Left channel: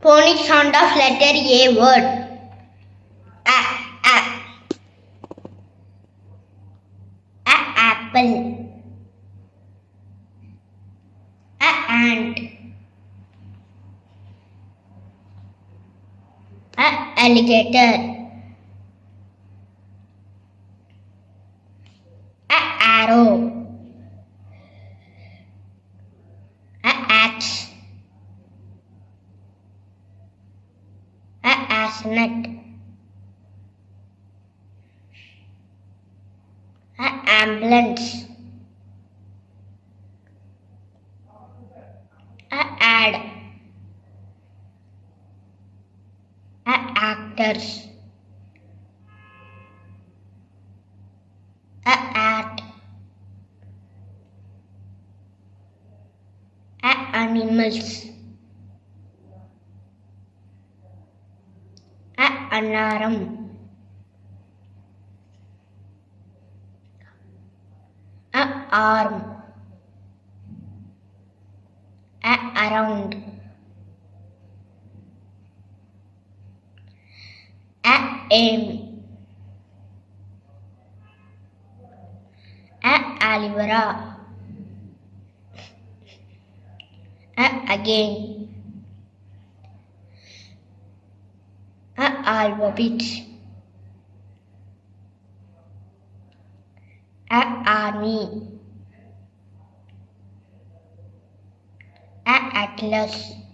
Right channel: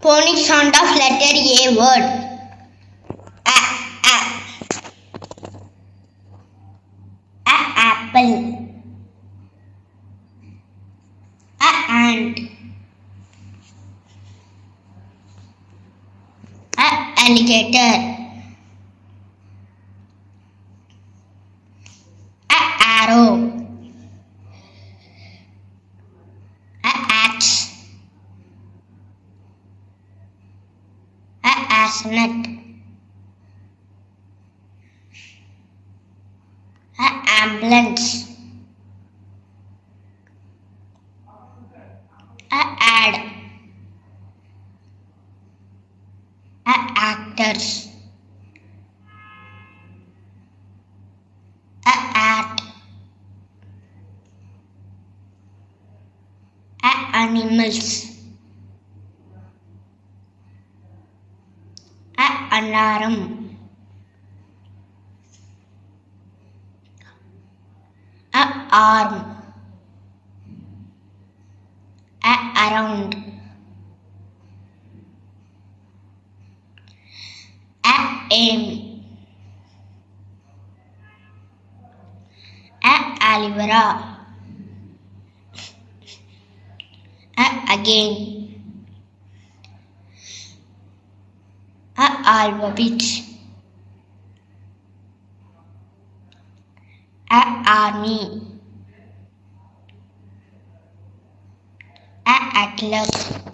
Phonic sound of letter A word. A, a. Apple. Ant. Alligator. Arrow. Axe. Asnet. Ambulance. Ad. Actors. At. Animals. Alarm. Arm. Around. Aim. Alivera. Again. Alphabet. Army. Atlas.